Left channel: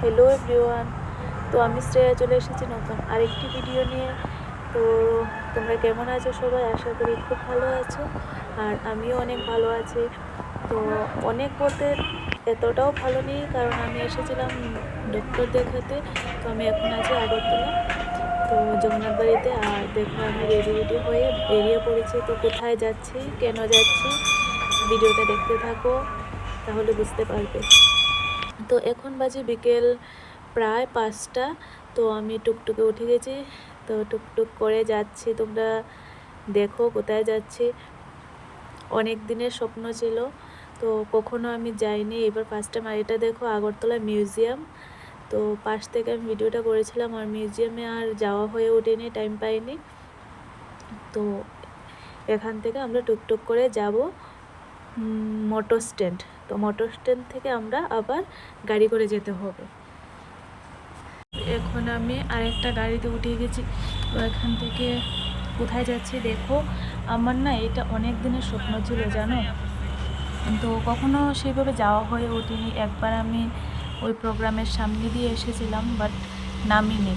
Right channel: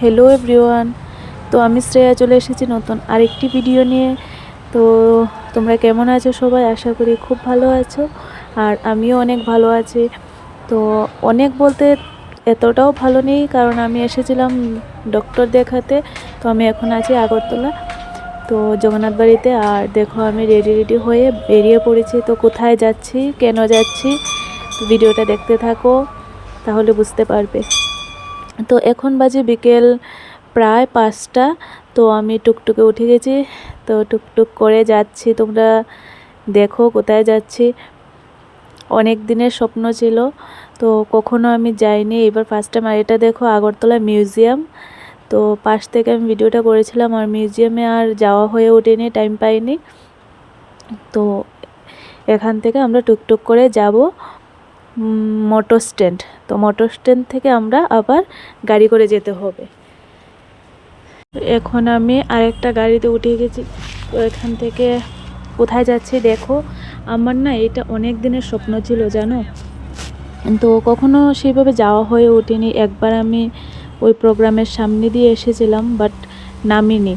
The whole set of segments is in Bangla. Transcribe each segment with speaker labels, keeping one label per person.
Speaker 1: হ্যালো এভরিওয়ান, তো আমি শ্রেয়া চলে এসেছি নতুন আরেকটি ভিডিও নিয়ে। তো তোমরা কেমন আছো সবাই? আশা করি খুব ভালো আছো আর আমিও অনেক ভালো আছি। তো অনেক বলতে এতটাও ভালো নেই, কারণ আমি এসেছিলাম ডক্টর দেখাতে, তো আমি এখন আছি আগরতলা। তো জগন্নাথ বাড়িতে, আর দেখো আমি রেডি রেডি হয়ে বেরিয়ে পড়েছি। তো কোথায় যাচ্ছি, কেন যাচ্ছি, ভিডিওটা দেখতে থাকো, তাহলে বুঝতে পারবে। তো এখন বাজে বিকেল প্রায় পাঁচটা, তো আমি টুকটুকে উঠে গেছি। তো টুকটুক করে যাচ্ছি, তোমরা দেখো কোথায় যাচ্ছি। অনেক দিনের স্বপ্ন ছিল, তো কখনো আমি যাইনি। এবার ফার্স্ট টাইম আর এটা দেখো আগরতলা মিউজিয়াম। তো পাশ থেকে আমি ভিডিওটা করেছিলাম, আর মিউজিয়ামে আর যাওয়া হয়ে ওঠেনি টাইম পাইনি। তো এখান থেকে আমরা টুকটুক করে যাব। Motor stand. তো মোটর স্ট্যান্ড থেকে আমরা আবার গাড়ি করে যেতে হবে। এখন আমি আরেকটা গাড়িতে উঠে গেছি তো এখান থেকে কোথায় যাচ্ছি দেখো। আমার না এটা অনেক দিনের স্বপ্ন ছিল, জানো? তো কখনো সেইভাবে যাওয়া হয়ে ওঠেনি। একবার আমি ওই প্রোগ্রামের সামনে দিয়ে এসেছিলাম, বাট নামিনি।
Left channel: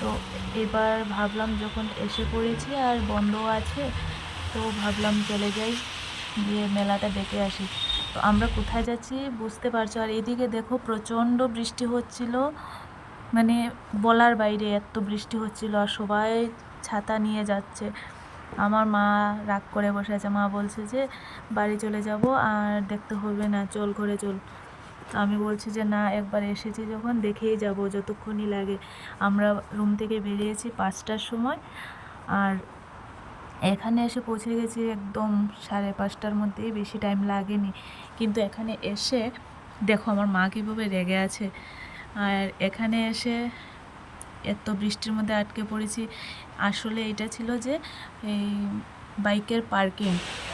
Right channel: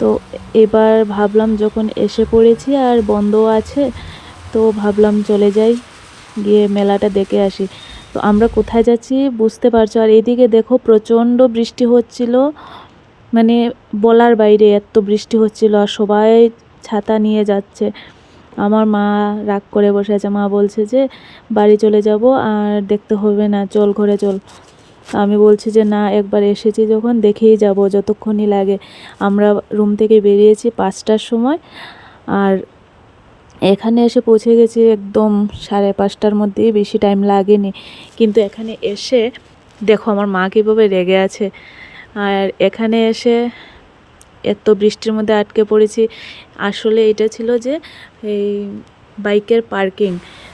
Speaker 1: তো এবার ভাবলাম যখন এসে পড়েছি আর বন্ধ আছে, তো ভাবলাম চলে যাই। গিয়ে মেলাটা দেখে আসি। তো আমরা কোথায় যাচ্ছি বুঝতে পারছ? আর এদিকে দেখো প্রচণ্ড বৃষ্টি হচ্ছিল। মানে বলার বাইরে এত বৃষ্টি হচ্ছিল আর সবাই ছাতা নিয়ে যাচ্ছে। আমার মা রাগ করে বসে আছে। মা বলছে যে, বাড়ি চলে যাব আর দেখতে হবে না, চল ঘরে চল। আমি বলছি যে, না, একবার এসেছি যখন দেখেই যাব, যতক্ষণই লাগে। আমরা রুম থেকে বেরিয়েছি পাঁচটার সময়। আর এখানে এসে পৌঁছে গেছি একদম সাড়ে পাঁচটার মধ্যেই, বেশি টাইম লাগেনি। কিন্তু এখানে এসে, দেখো আমার মা কীভাবে রেগে আছে। আর এখানে এসে এত বৃষ্টির মধ্যে আটকে পড়েছি। আসলে এটা ছিল যে, এই বাইকের পার্কিং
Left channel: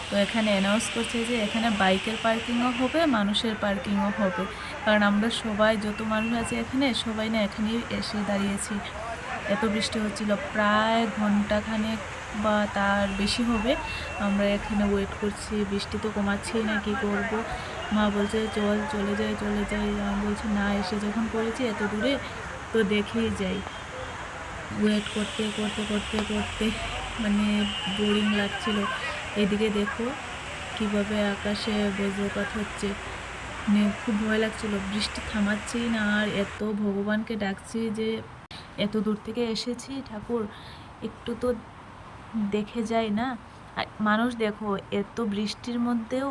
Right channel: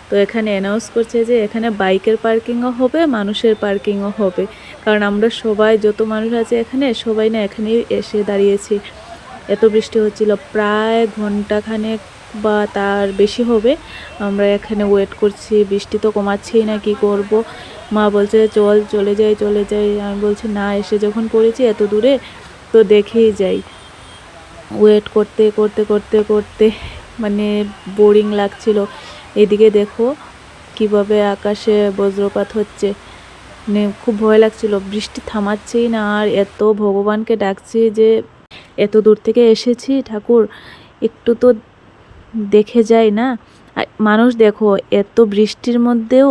Speaker 1: তো এখানে অ্যানাউন্স করছে যে, এখানে বাইকের পার্কিংও হবে, মানুষের পার্কিংও হবে। কারণ আমরা সবাই, যত মানুষ আছে এখানে, সবাই না এখানেই এসে দাঁড়িয়েছি। এত বৃষ্টি হচ্ছিল, প্রায় ঘন্টাখানেক বা তার বেশি হবে। আমরা এখানে ওয়েট করছি, বৃষ্টি তো কমাচ্ছেই না, কি করব? মা বলছে, চল, চলে যাই চলে যাই। আমি বলছি, না, এসে যখন পড়েছি এত দূরে, তো দেখেই যাই। ওয়েট করতে করতে করতে করতে মানে বোরিং লাগছিল। এদিকে দেখো কীভাবে আকাশে বজ্রপাত হচ্ছে। মানে খুব ভয় লাগছিল, বৃষ্টি থামাচ্ছেই না, আর এত ভগবানকে ডাকছি যে এত দূর থেকে এসেছি, ঠাকুর, একটু তো দেখে যায় না। মানুষ দেখো, এত বৃষ্টির মধ্যেও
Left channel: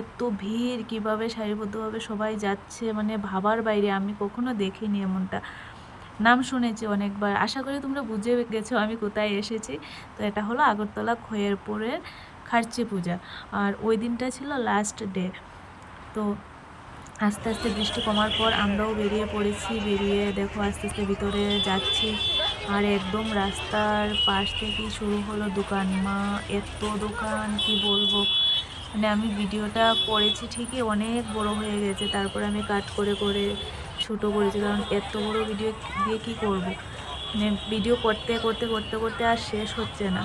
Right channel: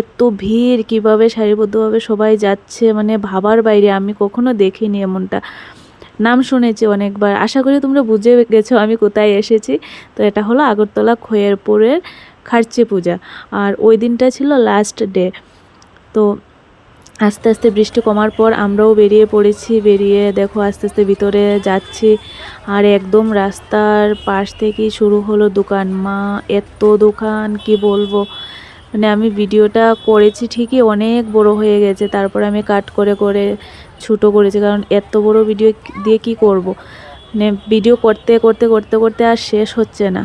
Speaker 1: এত ভিড়, কীভাবে সারিবদ্ধভাবে সবাই যাচ্ছে মানে ভাবার বাইরে, আমি কখনো দেখিনি এমনটা। নাম শুনেছি অনেকবার, আশা করি তোমরা বুঝে গেছো আমি কোথায় এসেছি। তো এটা হলো আগরতলা খয়েরপুরের খার্চি পূজা। আর ওই দিনটা ছিল লাস্ট ডে তো আস্তে আস্তে বৃষ্টি কমার পর আমরাও বেরিয়ে পড়েছি, বেরিয়ে দেখো আস্তে আস্তে ভিতরে যাচ্ছি। আর একদম রাস্তার পাশ থেকেই শুরু হলো দোকান। মা, এত দোকান, কি বলব? মানে আমি ভিডিওটা করেছি ঠিকই অনেক বড় হয়ে গেছে, তারপর আমি কাট করে করে ছোটো করেছি। কারণ এত বড় ভিডিও দিয়ে কি করব। মানে ভিডিও করতে করতে করতে করতে আর শেষ হচ্ছে না।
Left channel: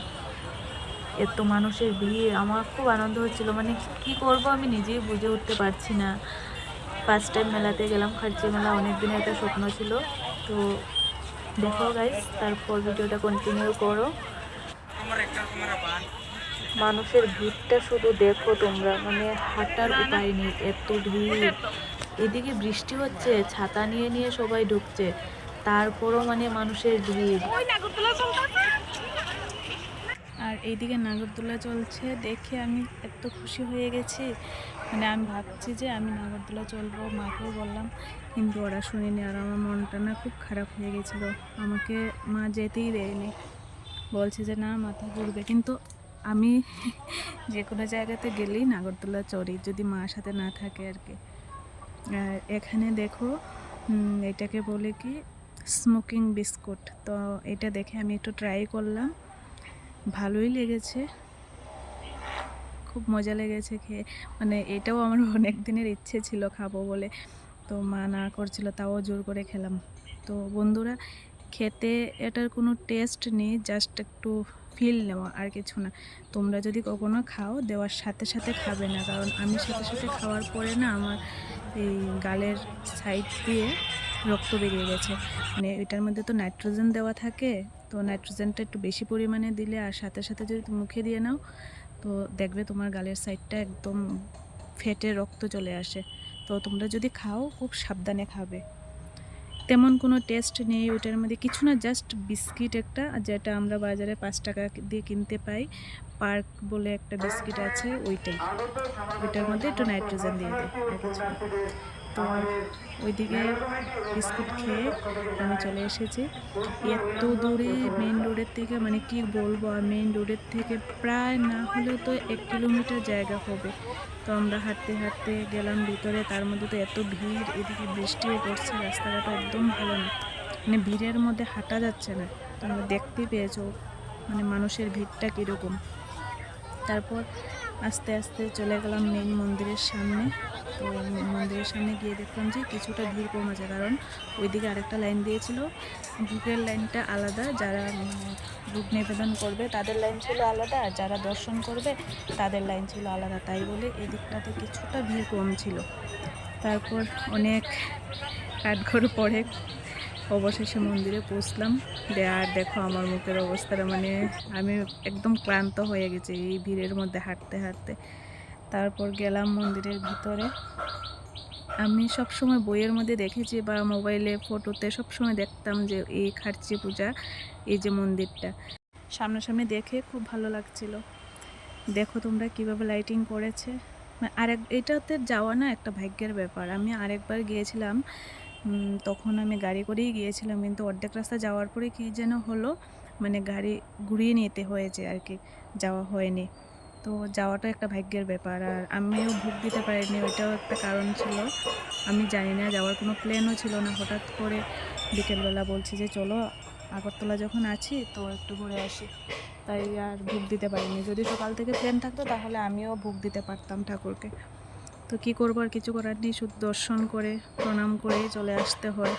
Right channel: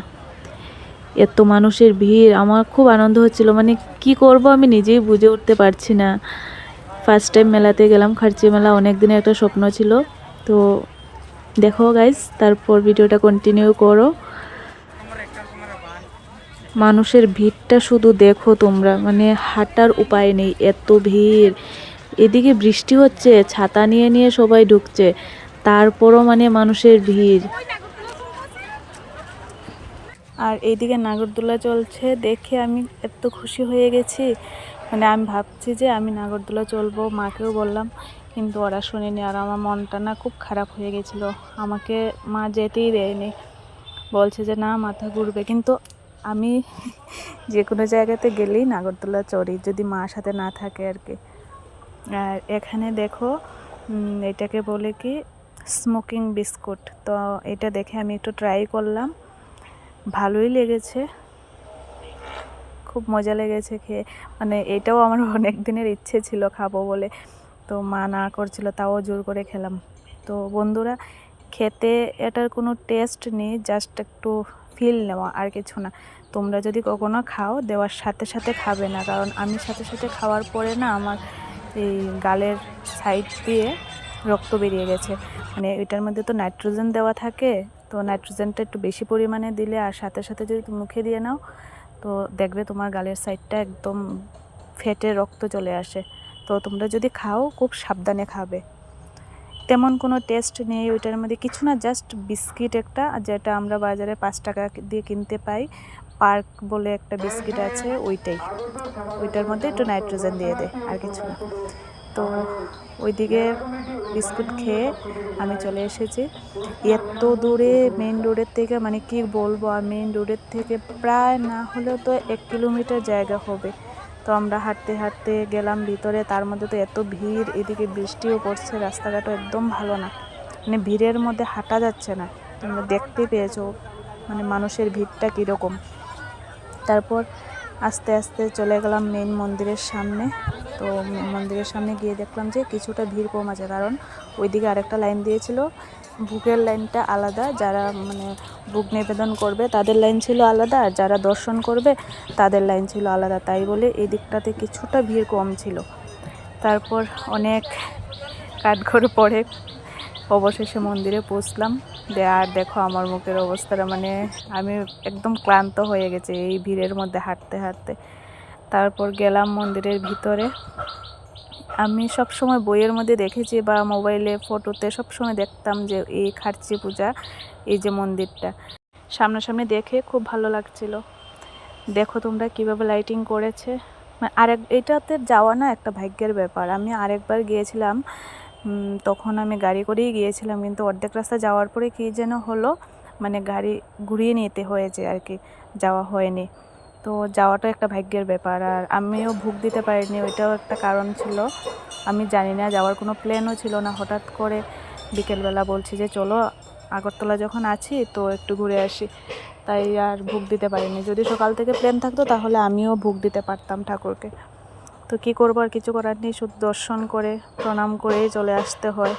Speaker 1: এত মানুষের ভিড়, আমার খুব আনন্দ হচ্ছিল। মানে কি করব আমি নিজেই বুঝে উঠতে পারছি না। ফার্স্ট টাইম মেলাতে গেলাম, খার্চি মেলা অনেক দিনের একটা স্বপ্ন ছিল। তো দেখো গাইজ তারপর ভিডিওটা কন্টিনিউ করো। মানুষের ভিড়টা শুধু দেখো তোমরা মানে হাঁটার উপায় নেই, এত ভিড়। এদিকে বৃষ্টি হচ্ছে, ছাতা নিয়ে নিয়ে সবাই ঢুকছে, তারপরও মানে মানুষের ভিড়। আর এইদিকে নাগরদোলা চলছে, দেখে আমি এত খুশি হয়ে গেছি। মানে আমি ভাবছি যে আমি নাগরদোলা চলবো, মাকেও বললাম, কিন্তু ওরা শুনেনি আর আমার মনটা না খুব খারাপ হয়ে গেছিল। আমাকে মা যেতেই দেয়নি। বলছে যে, না, মাথা ঘুরবে। কিন্তু আমি যে কোনো জায়গাতে গেলেই নাগরদোলা চড়ি, যদি মা সাথে না থাকে আর কি। আর এখানে দেখো এটাকে বলে কি স্মোকিং বিস্কুট তো এটা দেখে আমি একটু ট্রাই করলাম। ভালোই লেগেছে। খুব মজা লেগেছে খেয়ে। মানে এটাও আমার অনেক দিনের ইচ্ছে ছিল খাব বলে। তো মা না করছিল, তাও জোর করে খেলাম। তো বন্ধুরা, খেতে এটার কোনো টেস্ট নেই জাস্ট একটু ফিল নেওয়া আর কিছু না। তোমরা যদি কখনো খাও, দেওয়ার সাথে সাথে খাবে না। কারণ আমি সাথে সাথে খাওয়ার পরে না আমার এই গালের সাইড দিয়ে রক্ত বেরিয়ে গেছে। মানে এটার মধ্যে তো নাইট্রোজেন দেওয়া থাকে, তো নাইট্রোজেনটা একটু বেশি পরিমাণে দিলে আর সাথে সাথে যদি মুখে দিয়ে নাও তো দেখবে তোমার গালের সাইডটা একদম ফেটে রক্ত চলে আসে। তো তোমরা যদি খাও, খুব সাবধানে খাবে। তেমন কোনো টেস্ট নেই ওইটার মধ্যে। কিছু না জাস্ট বিস্কিট একটা, যেটা আমরা বাজারে পাঁচ টাকা দিয়ে কিনতে পাই। পার্ক বলে একটা বিস্কিট আছে, ওইটাই। ওইটার মধ্যে একটু নাইট্রোজেন দিয়ে দেয় আর কিছু না। তো ওইদিকে বিস্কুট খেয়ে আমি চলে এসেছি। এত দূরে মেন রোডের থেকে মানে কি বলব, আর মেন রোডের থেকে প্রায় না হলেও তো এক কিলোমিটার জায়গা হবে। তো আমরা হাঁটতে হাঁটতে গেলাম ভিতরে, তার মধ্যে তো এত ভিড়, এদিকে বৃষ্টিও পড়ছে, রাস্তাঘাটও একদম ভালো না। মানে ভিড়ের মধ্যে হাঁটা যাচ্ছে না। তোমরা দেখতে পেয়েছ মানে মানুষের ভিড়টা কীরকম। তারপর আস্তে আস্তে চলে গেলাম মেন মন্দিরের সামনে। তো মন্দিরের সামনে গিয়ে দেখলাম যে কিছুটা ভিড় কম আছে কারণ ওইদিকে আরেকটা লাইন দিয়েছিল। বুকের লাইনটা আলাদা, যারা মানে বুক নিবেদন করবে তাদের লাইন ছিল আলাদা, আর যারা দর্শন করবে তাদের লাইন ছিল আলাদা। তাই বলে এই দিকটাতে কিছুটা ভিড় কম ছিল। তারপর অনেক কাঠঘর পরে অবশেষে মন্দিরে পৌঁছলাম। আর দেখো আমার মুখের অবস্থাটা মানে আমি একদম ক্লান্ত হয়ে গেছে এই ভিড়ের মধ্যে হাঁটতে হাঁটতে। তারপর গেলাম মন্দিরের ভিতরে। আমি সব সময় বইয়ের মধ্যে দেখেছি বা মোবাইলে, ফটোতে সব সময় দেখতাম যে এই খার্চি পূজা, এই যে মন্দিরটা। সামনাসামনি দেখে খুব ভালো লাগছিল। দেখো তোমরা কীভাবে লাইটিং করেছে। মানে আরেক, এটাতে যাওয়া না একটা ভাগ্যের ব্যাপার। আমি আরেকবার গিয়েছিলাম তখন আমি গাড়ি করেই গিয়েছিলাম, কিন্তু অর্ধেক রাস্তা যাওয়ার পরে কী যেন হলো মানে গাড়ি ঘুরিয়ে নিতে হয়েছে আর কি, যাওয়া হয়নি। তো যাওয়াটা একটা ভাগ্যের ব্যাপার, আর আমিও ভুগ দিতে পারিনি, ওইটাও একটা কারণ ছিল। আমি জানি না, যাওয়ার কোনো প্ল্যানও ছিল না, হঠাৎ করে বিকেলবেলা বলছি যে, চলো আগরতলা যখন আছি, তো একটু ঘুরে আসি। তাই আর ভোগ দিতে পারিনি। যদি সকাল থেকে প্ল্যান থাকতো, তাহলে আমিও ভোগ দিতে পারতাম ঠাকুরকে। তো কী করব আর কিছু করার নেই, শুধু দর্শন করে, প্রণাম করেই চলে আসতে হয়।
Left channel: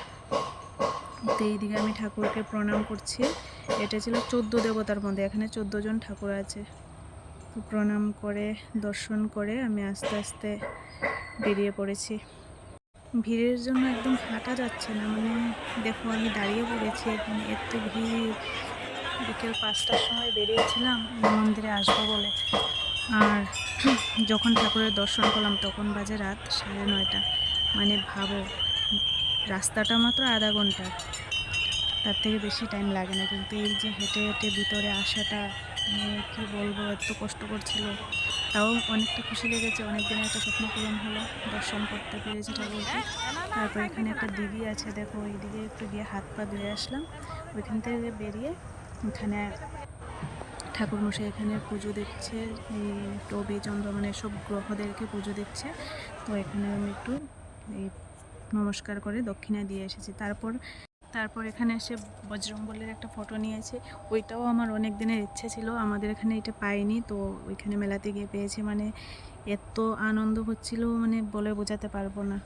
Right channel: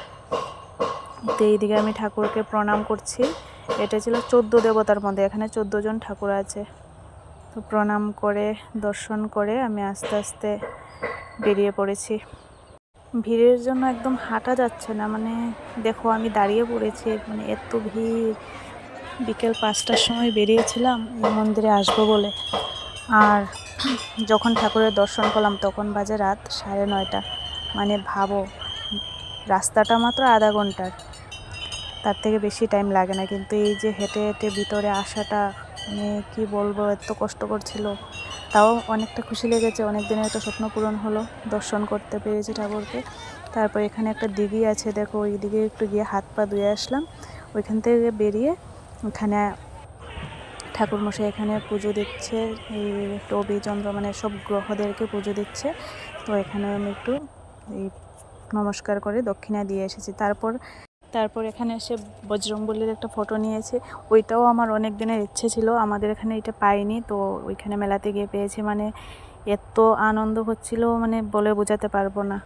Speaker 1: তো এইদিকে আমি ঠাকুরকে প্রণাম করছি। এটা ছিল চোদ্দ দেবতার মধ্যে এখানে চোদ্দ জন ঠাকুর আছে। তো প্রণাম করে, দর্শন করে আমি আস্তে আস্তে বেরিয়ে পড়েছি। ভিড়ের জন্য একদম হাঁটা যাচ্ছে না মানে দেখো আমি দাঁড়িয়ে পড়েছি মানে এত ভিড়। বিকেল পাঁচটার সময় বেরিয়েছিলাম, মন্দিরে আসব বলে। আর যখন ঠাকুরের দর্শন করলাম, তখন বাজে রাত সাড়ে নয়টা। মানে ভাবো, রাস্তাটা মাত্র আধা ঘণ্টার তার থেকে বেশি টাইম লাগে না। কিন্তু এই যে হেঁটে হেঁটে ভিতরে আসাটা মানে কী বলব, এত কষ্ট ছিল তাও অনেকটা খুশি লেগেছে। অনেক দিনের একটা স্বপ্ন পূরণ হলো, দর্শন করতে পেরেছি ঠাকুরকে। তারপর এখানে একটা দিঘি আছে, দেখো। ওই দিকে একটু গিয়ে হাত পা ধুয়ে আসলাম। ওইখান থেকে বেরিয়ে এখানে ঠাকুরমশাই এখানে পুজো দিচ্ছে, এই টবি, চন্দ্র মানে সব গ্রহদেরকে পুজো দিচ্ছে। তো এখানে আমি একটু এই নমস্কার করে দক্ষিণা দিয়ে এসেছি। তারপর তারপর এখানে এসে বজরংবলির একটা ফটো নিয়েছি। ওইটাও আমার অনেক দিনের ইচ্ছে ছিল, আমাদের এখানে এটা পাইনি, তো ওইখানে মেলাতে গিয়ে পেয়েছি। মানে এত আনন্দ হচ্ছিল মানে বলে বোঝাতে পারব না।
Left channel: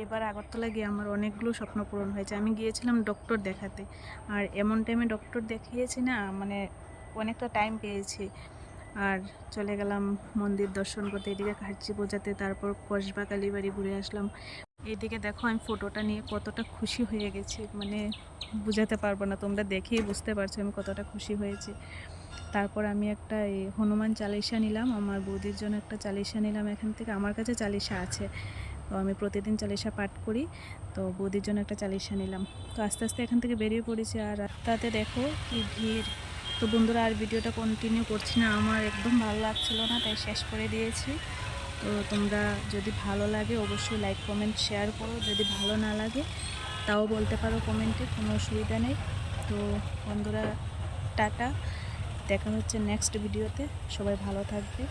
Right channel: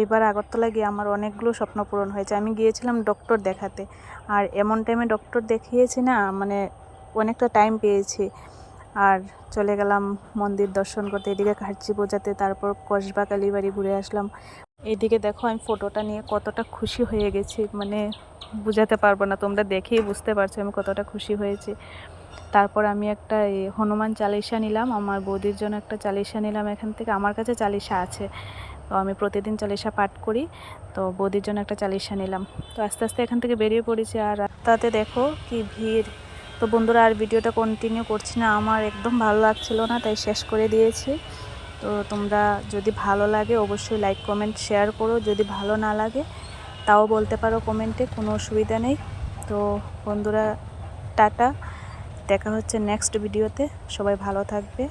Speaker 1: এইবার আগরতলা গিয়ে আমার অনেকগুলো স্বপ্ন পূরণ হয়েছে। আমি গিয়েছিলাম ডক্টর দেখাতে, আর এমন টাইমে ডক্টর দেখিয়েছি না মানে অনেকটা টাইম পেয়েছি। আর চলে গেলাম মন্দির দর্শন করতে। এদিকে খাচ্ছি বোঝাতে তারপর কসবা কালীবাড়ি ঘুরে আসলাম। এদিকে দেখো আমি ফটোটা নিয়ে কতটা খুশি হয়ে গেছি। মানে বুঝাতে পারব না, তোমরা দেখেই বুঝতে পারছ আমি কতটা খুশি হয়েছি। তারপর আমি একটা হনুমান চালিশা নিলাম। আমার বৌদির জন্য একটা চালিশা নিলাম এখান থেকে। আমার কাছে চালিশা আছে। তো আমি প্রতিদিন চালিশা পাঠ করি। তো বৌদির জন্য একটা চালিশা নিলাম। তো আস্তে আস্তে এখান থেকে বেরিয়ে পড়েছি। আর রাস্তাতে দেখো কি ভিড়। তো বন্ধুরা, আর ভিডিওটা কন্টিনিউ করছি না। আমার একদম ভালো লাগছিল না, তাই শেষ করে দিয়েছি। তো তোমরা যদি ভালো লাগে, অবশ্যই লাইক কমেন্ট শেয়ার করো। যদি ভালো না লাগে, তাও বলতে পারো কমেন্টে কোনো অসুবিধা নেই। তো বন্ধুরা, টাটা। দেখা হচ্ছে নেক্সট ভিডিওতে সবাই ভালো থাকবে।